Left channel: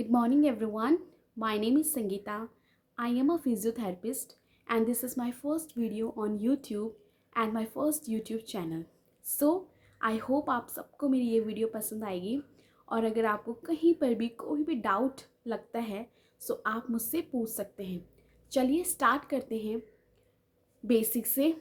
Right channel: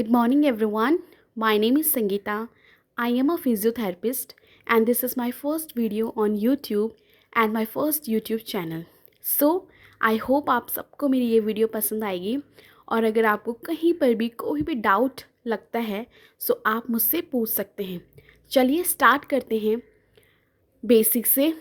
Good morning, everyone. My name is Sangeeta. I am a physiotherapist, and this is my first video on YouTube and my first YouTube channel. So, I hope आप सबको मेरी ये video पसंद आएगी और अगर आपको कहीं पर भी कोई भी डाउट लगता है सो आप मुझसे पूछ सकते हैं। चलिए स्टार्ट करते हैं बेसिक से।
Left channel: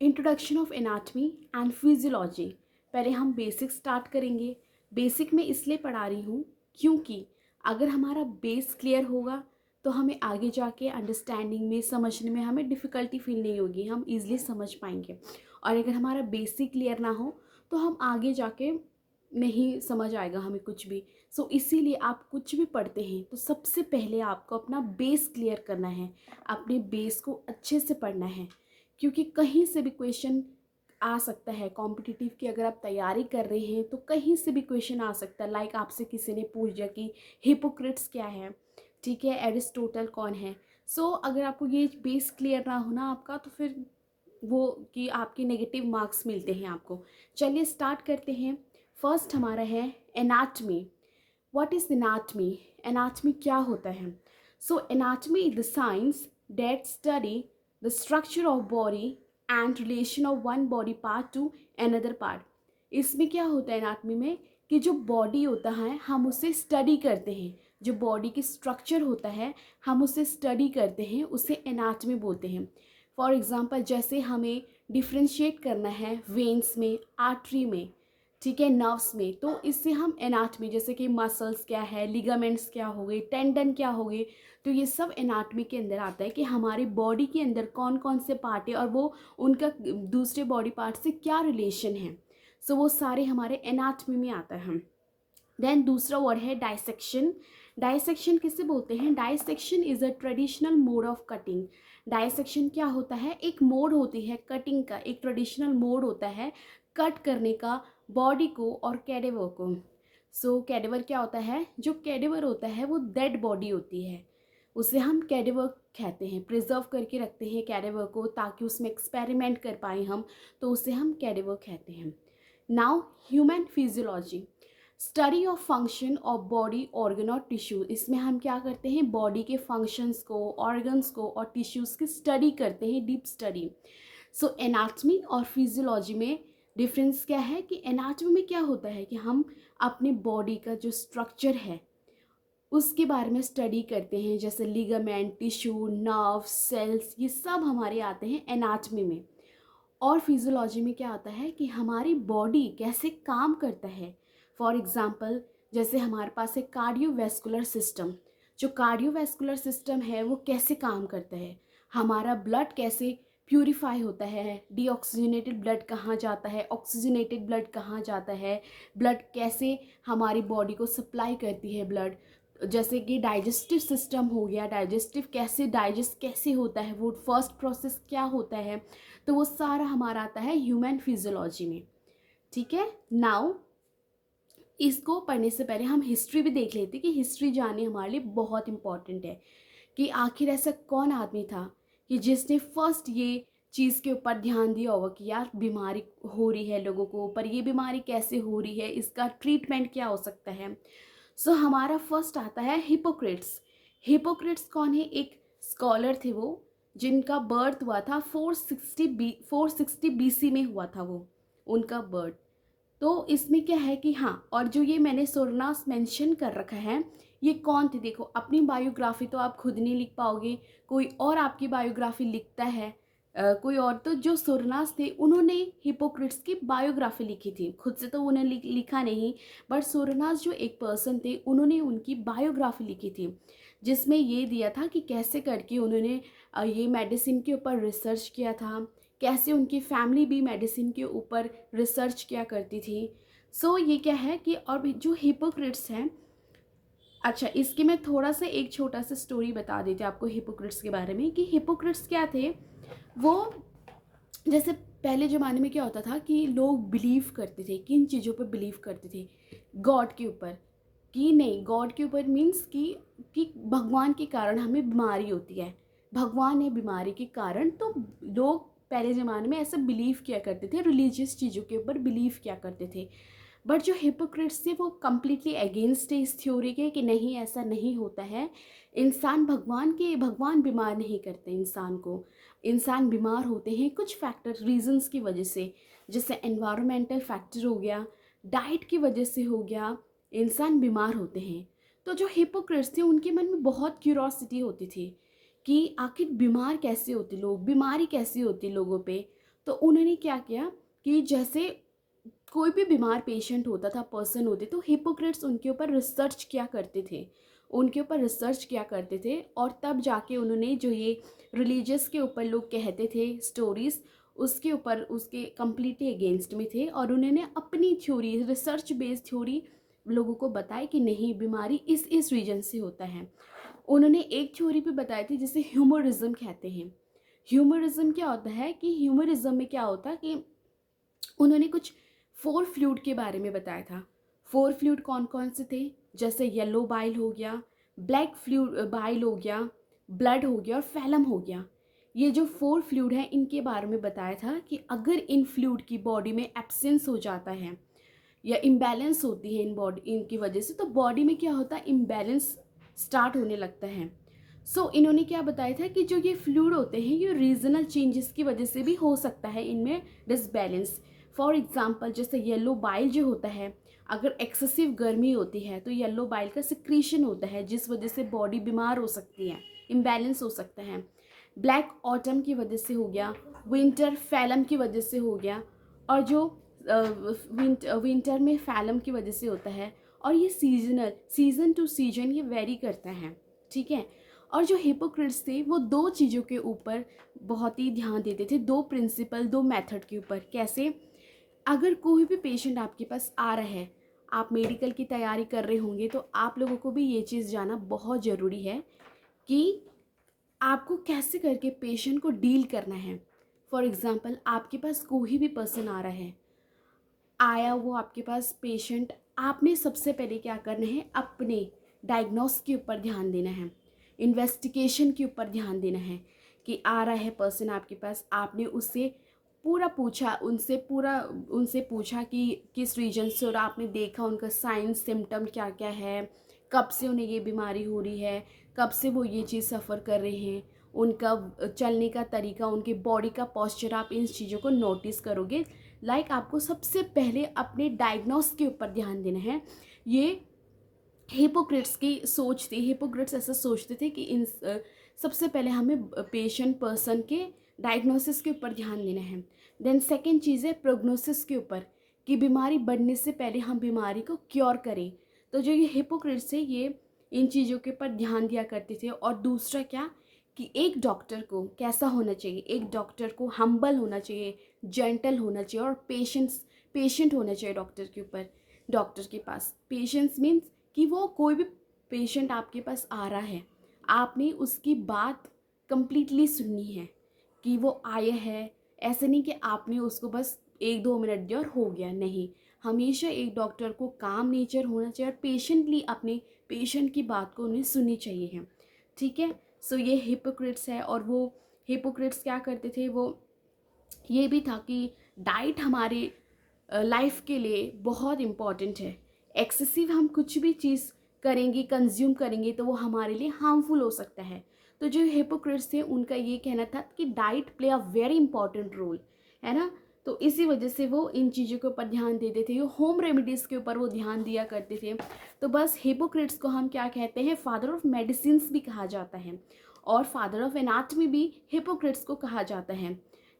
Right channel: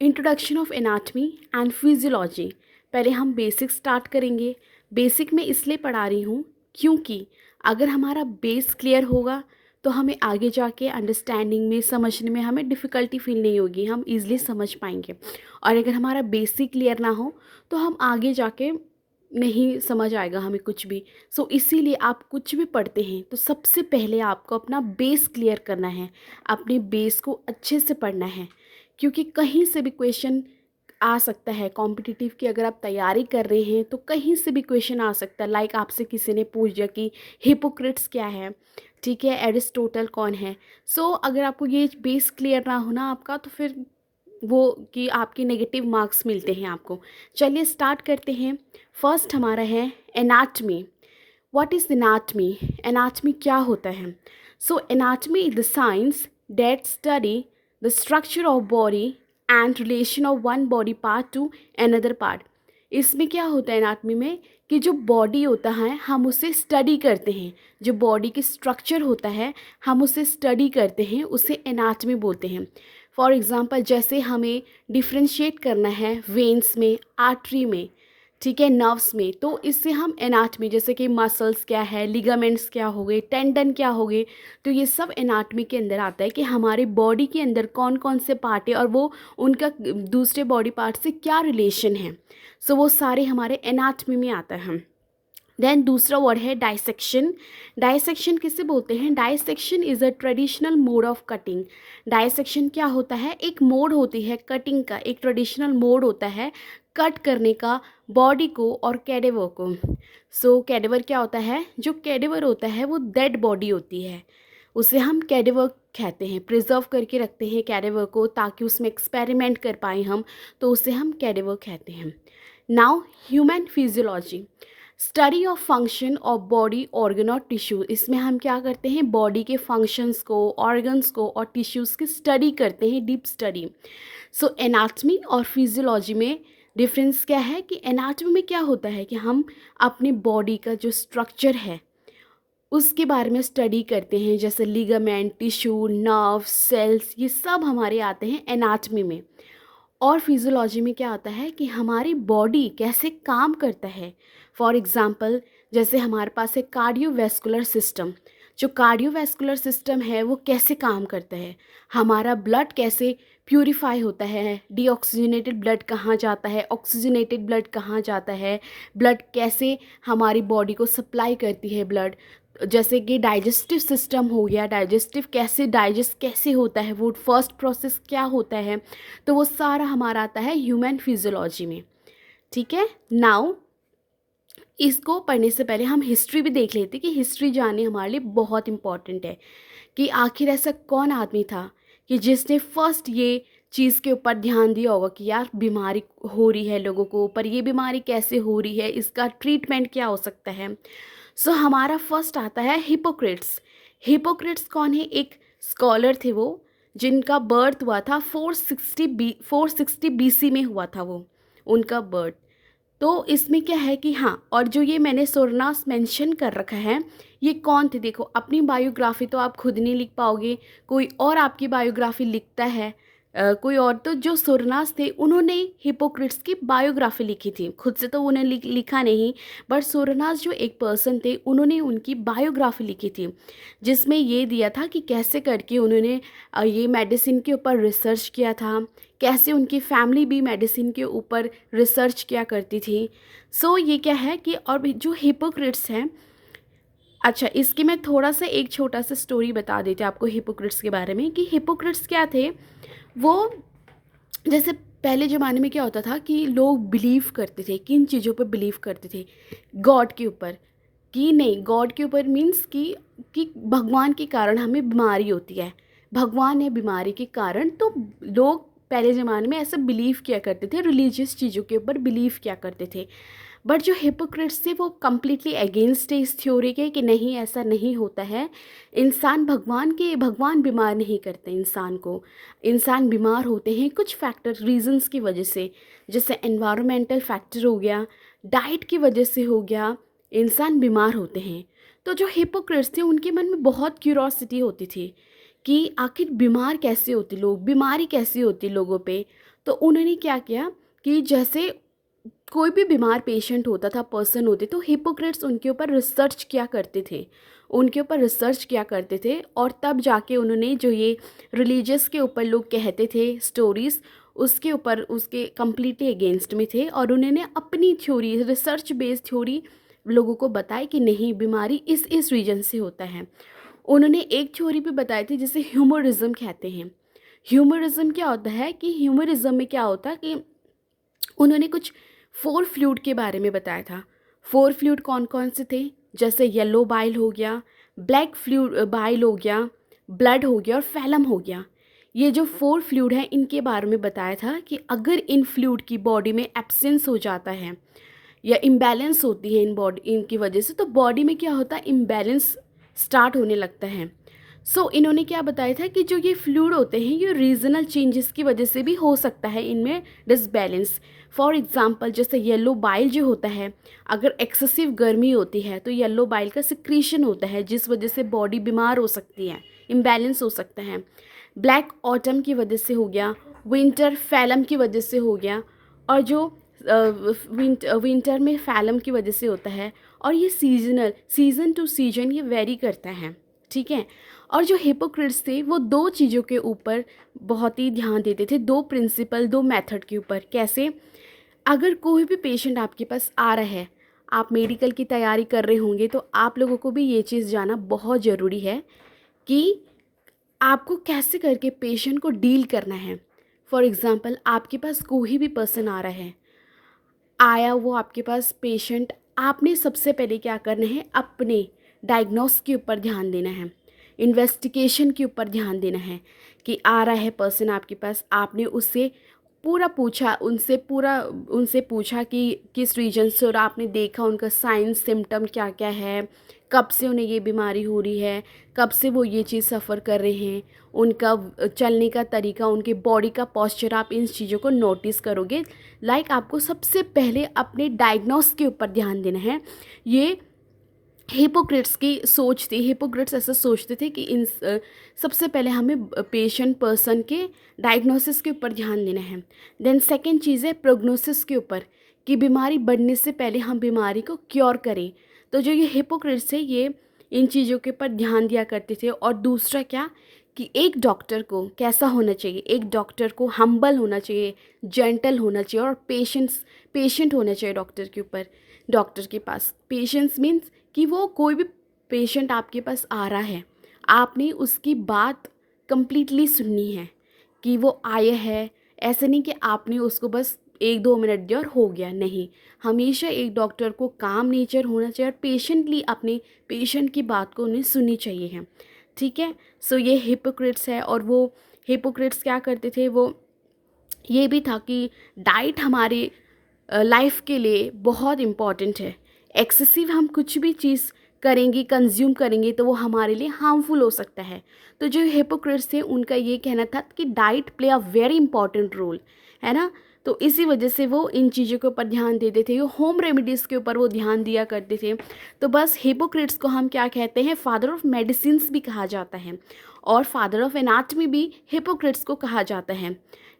Introduction of anatomy and physiology. पहले हम बेसिक स्टार्ट करेंगे। बेसिक में इसलिए पढ़ा रही हूँ क्योंकि अगर हमारा बेस क्लियर होगा तो हमें आगे जाके अंडरस्टैंडिंग में समझने में हमें डिफ़िकल्टी फील नहीं होगी, हम इजीली समझ पाएंगे। और अगर हमारा बेसिक क्लियर ना हो तो हम आगे जाके नहीं समझ आएगा हमें कुछ भी। सो इसीलिए आप कुछ भी पढ़ते हैं तो सबसे पहले आपको अपना बेस क्लियर करना है, अपने बेस को अच्छे से पढ़ना है, क्योंकि कहीं से भी क्वेश्चन आ सकता है। कॉम्पिटिटिव की अगर आप तैयारी कर रहे हैं तो कहीं से भी क्वेश्चन आ सकता है। लाइक आपसे किसी ने पूछ दिया कि हिपोक्रेट्स क्या है, ठीक है, एरिस्टोटल कौन है। सो अगर आपको ये बेस क्लियर ना होना आपका तो फिर वो कि आपके नेगेटिव मार्क्स मिलते हैं आपको। चलिए स्टार्ट करते हैं। फर्स्ट हमारा है anatomy. What is anatomy? Anatomy क्या होता है? So anatomy is the science that study the structure of body and relation of one body part to another part. इसमें क्या होता है एनाटमी में कि जो बॉडी होता है हम उसे स्टडी करते हैं, जो बॉडी की स्ट्रक्चर होता है हम उसे स्टडी करते हैं, उसे एनाटमी बोलते हैं। फॉर एग्ज़ाम्पल जैसे हमें डिफ्रेंशिएट करना है वेन्स में, आर्टरी में, ठीक है, नर्व्स में, तो इससे हम एनाटमी जैसे कि मसल्स क्या है, लिगामेंट्स क्या हो गए, टेंडन क्या हो गए, तो ये सब एनाटमी के अंदर आता है कि हमारे बॉडी के अंदर कौन कौन से पार्ट है और वो उनका दूसरे बॉडी पार्ट से क्या रिलेशन है। सो वो सारे हमारे एनाटमी में आता है। देन दूसरा वर्ड है डाइसेक्शन। डाइसेक्शन किसे बोलते हैं? Dissection is a traditional mode of cutting. Dissection क्या होता है? एक मोड होती है कटिंग का, एक ट्रेडिशनल मोड होता है कट करने का बॉडी को और कैडेवर को। सो कैडेवर क्या होता है? जो कैडेवर होता है वो डेड बॉडी होती है, उसे हम कैडेवर कहते हैं। प्रिजर्व करके रखते हैं कैडेवर को ताकि उसमें एक्सपेरिमेंट कर पाएँ हम, तो उसे हम कैडेवर कहते हैं। Now human physiology, study of function of body organ और टिश्यू। इसमें हम क्या करते हैं? बॉडी के फंक्शंस को, ऑर्गन्स को और टिश्यूज़ की स्टडी करते हैं, डीप स्टडी। सो एनाटमी और फिजियोलॉजी में डिफरेंस क्या है कि एनाटमी में क्या होता है कि हम अपनी बॉडी का जो स्ट्रक्चर है उसके बारे में स्टडी करते हैं, जैसे लिगामेंट, टिश्यू, नर्व, सेल्स, ये सब हमारे आते हैं एनाटमी में। और फिजियोलॉजी में क्या आता है कि हमारी बॉडी कैसे काम करता है। फॉर एग्ज़ाम्पल जैसे हमारे पास है कार्डियोवैस्कुलर सिस्टम। जो कार्डियोवैस्कुलर सिस्टम है वो कैसे काम करता है, हमारा ब्लड कैसे प्यूरिफाई होता है, डीऑक्सीजनेटेड ब्लड कहाँ जाता है, ऑक्सीजनेटेड ब्लड कहाँ जाता है, ब्लड कैसे हमारी बॉडी को सप्लाई करती है ब्लड। जैसे कि डाइजेस्टिव सिस्टम हो गया, डाइजेस्टिव कैसे डाइजेस्ट कैसे होता है, वो फर्स्ट प्रोसेस क्या होता है, तो वो सारा हमारा आता है ह्यूमन फिजियोलॉजी में। ठीक है, नाउ इसको पढ़ने से पहले हम हिस्ट्री भी देख लेते कि हिस्ट्री जाननी हमारे लिए बहुत इंपॉर्टेंट है कि आखिर ऐसा कौन आदमी था कि जिसने फर्स्ट ये चीज़ के ऊपर ध्यान दिया होगा कि यार बीमारी हो रही है लोगों को, पर ये बीमारी कैसे हो रही है, इसका ट्रीटमेंट क्या हो सकता है। सो हमारा फर्स्ट आता है हिपोक्रेट्स। हिपोक्रेट्स कौन है? एक स्कॉलर थे वो, जिनका बर्थ हुआ था 460 BC में हुआ था वो, उनका बर्थ। तो इसमें क्या है कि हाँ, और जो ये मैंने सोरनास मेंशन कर रखा है, ये कौन थे? देखो, अपनी बायोग्राफी तो आप खुद नहीं लिख पाओगे, कोई और आपकी बायोग्राफी लिखता है। कोई और, तो जो सोरनास थे उन्होंने हिपोक्रेट्स की बायोग्राफी लिखी थी, खुद से तो उन्हें लिखा नहीं, बट सोरनास जो एक पर्सन थे उन्होंने उनकी बायोग्राफी लिखी थी, जिसमें ये दिया था कि कैसे करके उन्होंने ये मेडिसिन के ऊपर रिसर्च किया था, कैसे उनकी फैमिली भी मेडिसिन के ऊपर रिसर्च किया करती थी। सो ये क्या है कि और भी जो हिपोक्रेट्स हैं, अच्छा इसकी मैं थोड़ा सा एक छोटा सा स्टोरी बता देती हूँ आपको हिपोक्रेट्स के बारे में कि हिपोक्रेट्स क्या थे। वो जैसे पहले ज़माने में क्या होता था कि लोग बिलीव करते थे, किन चीज़ों पर बिलीव करते थे? गॉड के ऊपर। कि नहीं, गॉड के ऊपर मीन्स कि भगवान के कारण हमें बीमारी होती है, भगवान है बीमारी के कारण। तो लोग पहले ज़माने में ऐसा बिलीव किया करते थे, रिलीजियस चीज़ों के ऊपर बिलीव किया करते थे। बट जो हिपोक्रेट्स थे वो कम्प्लीटली अगेंस्ट है इस थ्योरी के कि नहीं ऐसा नहीं होता है। भगवान बीमार नहीं करते इंसान को। इंसान बीमार होते हैं कुछ फैक्टर रीजंस की वजह से, जैसे एनवायरमेंटल फैक्टर हो गया, डाइट की वजह से हो गया, इंसान बीमार होते हैं। तो जो हिपोक्रेट्स थे उनके मन में बहुत क्यूरोसिटी होती थी कि आखिर बीमार कैसे होते लोग, बीमारी कैसी होती लोगों पे। तो उन्होंने क्या किया कि जैसे कोई भी बीमार पेशेंट होता था, पर्सन होते, तो हिपोक्रेट्स उनके ऊपर रिसर्च किया करते थे, उनके ऊपर रिसर्च किया करते थे। और तब जाके उन्होंने जो ये रिलीजियस के ऊपर लोग कहते थे स्टोरीज़, उसके ऊपर उसके कम्प्लीटली अगेंस्ट में थे। और उन्होंने अपनी थ्योरी, रिसर्च बेस्ड थ्योरी लोगों को बताई कि नहीं बीमारी इस रीजन से होता है। उन्होंने एक थ्योरी भी बताई थी जिसे ह्यूमरिज्म कहते हैं। ह्यूमरिज्म क्या होता है कि ह्यूमरिज्म में क्या होता है कि उन्होंने कुछ 4 फ्लूइड के बारे में बताया था। 4 फ्लूइड कौन कौन से थे, जैसे येलो बाइल हो गया, ब्लैक फ्लूइड बाइल हो गया, ब्लड हो गया और फैलम हो गया। ये जो 4 फ्लूइड हैं इनके बारे में बताया था कि अगर इन फ्लूइड की बॉडी में एब्सेंस हो जाता है या इम्बैलेंस होती है इनकी वजह से, तो बॉडी में क्या होता है, इम्बैलेंस स्टार्ट होने लगता है। इन्होंने क्या बताया था कि जो ये फ्लूइड होते हैं ये रीजनल चेंजेस की वजह से भी हो सकता है इनमें डिसबैलेंस। फॉर एग्जांपल जैसे येलो बाइल जो होता है, अगर एक्सेसिव गर्मी होती है तो येलो बाइल का सिक्रीशन होता है जिस वजह से बॉडी बीमार हो सकती है, इम्बैलेंस हो सकता है। ब्लैक ऑटम की वजह से हो गया, विंटर फैलम की वजह से हो गया, और जो विंटर में फैलम की वजह से होता है। और ये सीज़न टू सीजन ये वेरी करता है, ठीक है। और जो हिपोक्रेट्स थे वो 2 चीज़ों के ऊपर बहुत ही ध्यान देते थे, 2 प्रिंसिपल, 2 मेथड के ऊपर। कैसे, अगर कोई भी पेशेंट आपके पास आ रहा है, आप मेडिकल की तैयारी कर रहे होंगे, तो आप लोगों को भी ये चीज़ जानना बहुत ज़रूरी है कि आपको कैसे करके पेशेंट को डील करना है। फॉर एग्ज़ाम्पल आपके पास कोई भी पर्सन आ रहा है, आया वो आपके पास पेशेंट, आपने सबसे पहले क्या करना है, अपने डायग्नोस के ऊपर ध्यान देना है, इन्वेस्टिगेशन के ऊपर ध्यान देना है। कि आ रहा है पर्सन आपके पास, आपने उससे पूरा पूछा, उनसे पूछा कि किस रीजन से, और आपने देखा उनका साइंस सिम्टम क्या क्या है, कब से उन्हें ये बीमारी हो रही है, कब से वो ये चीज़ सफ़र कर रहे हैं, उनका चलने का तरीका, उनके बॉडी का पोस्चर, आप इन चीज़ों को नोटिस करोगे। आपको सबसे पहले अपने डायग्नोस के ऊपर ध्यान देना है। ये हिपोक्रेट्स की सोच थी, हिपोक्रेट्स ऐसा सोचते थे कि सबसे पहले हमें पेशेंट पर्सन के डायग्नोसिस के ऊपर ध्यान देना है। देन सेकंड चीज़ है प्रोग्नोसिस के ऊपर, कि बीमारी बढ़ने से पहले हम बीमारी को क्योर करें। तो जो ये हिपोक्रेट्स है ये इन चीज़ों के ऊपर ध्यान दिया करते थे। और दूसरा क्या, कि एक डॉक्टर को कैसा होना चाहिए, एक डॉक्टर को हम्बल होना चाहिए, जेंटल होना चाहिए, और पेशेंट होना चाहिए डॉक्टर के ऊपर, डॉक्टर के पास। पेशेंस मीन्स कि वो कोई भी पेशेंट आपके पास आ रहा है, आपने उसकी बात कंप्लीटली सुननी है। कि वो आया है, ऐसे नहीं कि आपने उसको बस 1-2 मिनट दिया और हो गया, नहीं। हमेशा एक डॉक्टर को काम नेचर होना चाहिए और पेशेंटली अपने पेशेंट की बात को उन्हें सुननी चाहिए है, ठीक है। ये हिपोक्रेट्स है। और वो हिपोक्रेट्स क्या करते थे, वो ये भी था कि डाइट हमारे लाइफ के लिए बहुत इम्पॉर्टेंट है। एक्सेसिव हम कुछ भी चीज़ करेंगे, कंज्यूम करेंगे, तो वो हमारे लिए हार्मफुल हो सकता है। तो जो हिपोक्रेट्स थे उनका ये कहना था कि diet play a very important role, है ना। तो इसी वजह से वो इन चीज़ों के ऊपर ध्यान देते थे, होम रेमेडीज़ के ऊपर वो ध्यान दिया करते थे। तो बस हिपोक्रेट्स को हम क्या कहते हैं, फादर ऑफ मेडिसिन्स भी कहा जाता है, और फादर ऑफ एनाटमी भी हिपोक्रेट्स को कहा जाता है।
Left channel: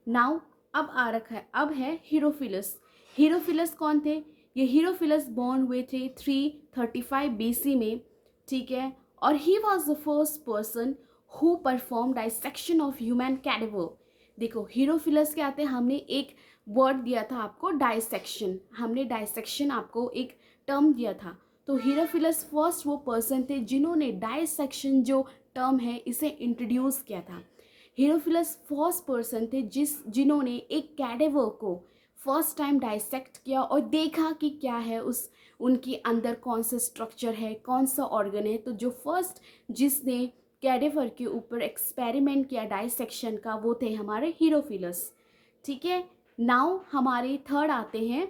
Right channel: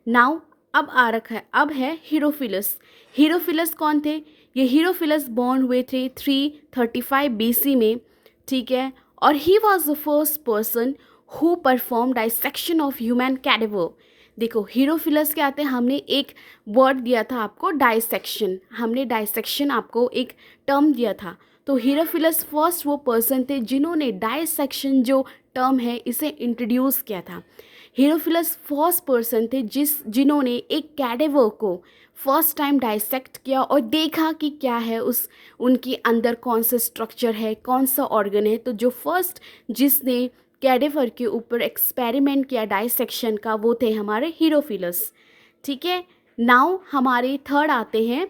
नाउ अब आ रखा है, अब है हीरोफिलस। हीरोफिलस कौन थे, ये हीरोफिलस बॉर्न हुए थे 335 BC में, ठीक है। और he was the first person who perform dissection of human cadaver. देखो हीरोफिलस क्या आते हैं, हमने एक वर्ड दिया था आपको, डाइसेक्शन, हमने डाइसेक्शन आपको एक टर्म दिया था। तो हीरोफिलस फर्स्ट वो पर्सन थे जिन्होंने डाइसेक्शन जो टर्म है इसे इंट्रोड्यूस किया था। हीरोफिलस फर्स्ट पर्सन थे जिन्होंने एक कैडेवर को फर्स्ट टाइम डाइसेक्ट किया और देखा कि क्या है उनके अंदर, कौन सा स्ट्रक्चर है, कौन सा ऑर्गन है। तो जो फर्स्ट जिसने कैडेवर के ऊपर एक्सपेरिमेंट किया डाइसेक्शन का, वो थे हमारे हीरोफिलस, ठीक है। नाउ हमारे थर्ड आते हैं